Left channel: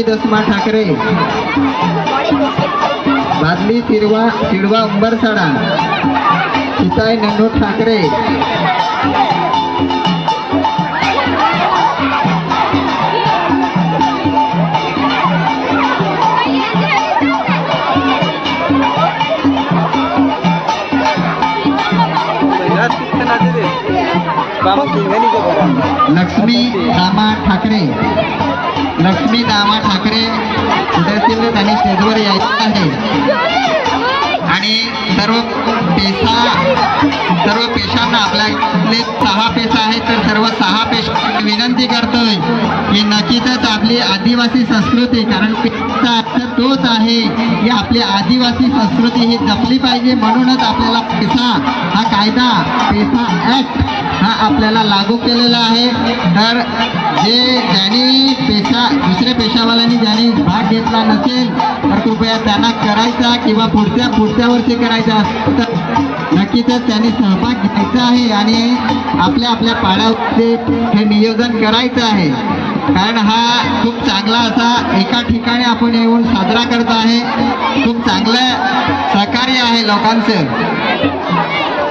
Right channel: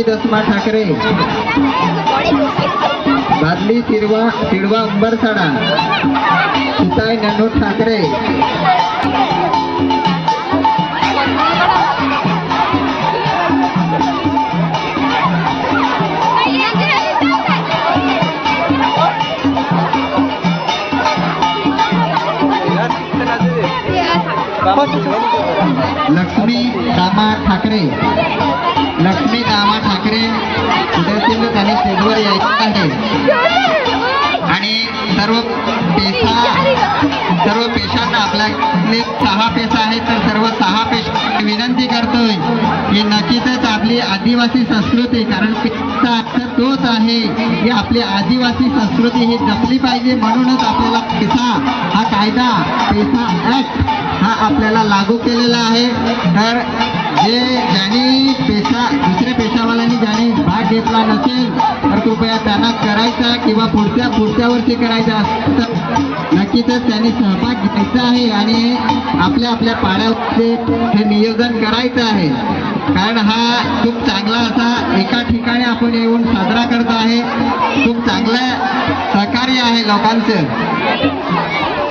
बादली दसमा ठाकरे, बादली सिडवा उंबरसाडा, सुताई नन्नू ठाकरे, लक्ष्मी दामा ठाकरे, लक्ष्मी दामा ठाकरे उद्यातील त्यांनी स्टेजवर यायचं आहे आणि सर्व पेशांना आपल्याकडे 6 पेशा आहेत तर सर्व 6 पेशा विनंती करतोय की नक्कीच आपली आदिवासी संस्कृती, कारण पेशा अक्षर तोच आहे की आपली आदिवासी संस्कृती ही जपली पाहिजे, म्हणूनच आपल्याला पेशा हा कायदा, पेशा ऍक्ट हा आपल्याला लागू केलेला आहे। तर ज्यांनी दुसऱ्या पेशावाल्यांनी ज्यांनी भाग घेतला नसेल तर कृपया त्यांना करायचा किंवा पुढच्या वर्षी करायचा तर नक्कीच त्यांनी सहभाग घ्यायचा आहे आणि आपल्या पाड्यावरचे हे नियोजन करायचं आहे, कारण हा खूप चांगला असा एका ठिकाणी आपण येऊन साजरा करत आहे।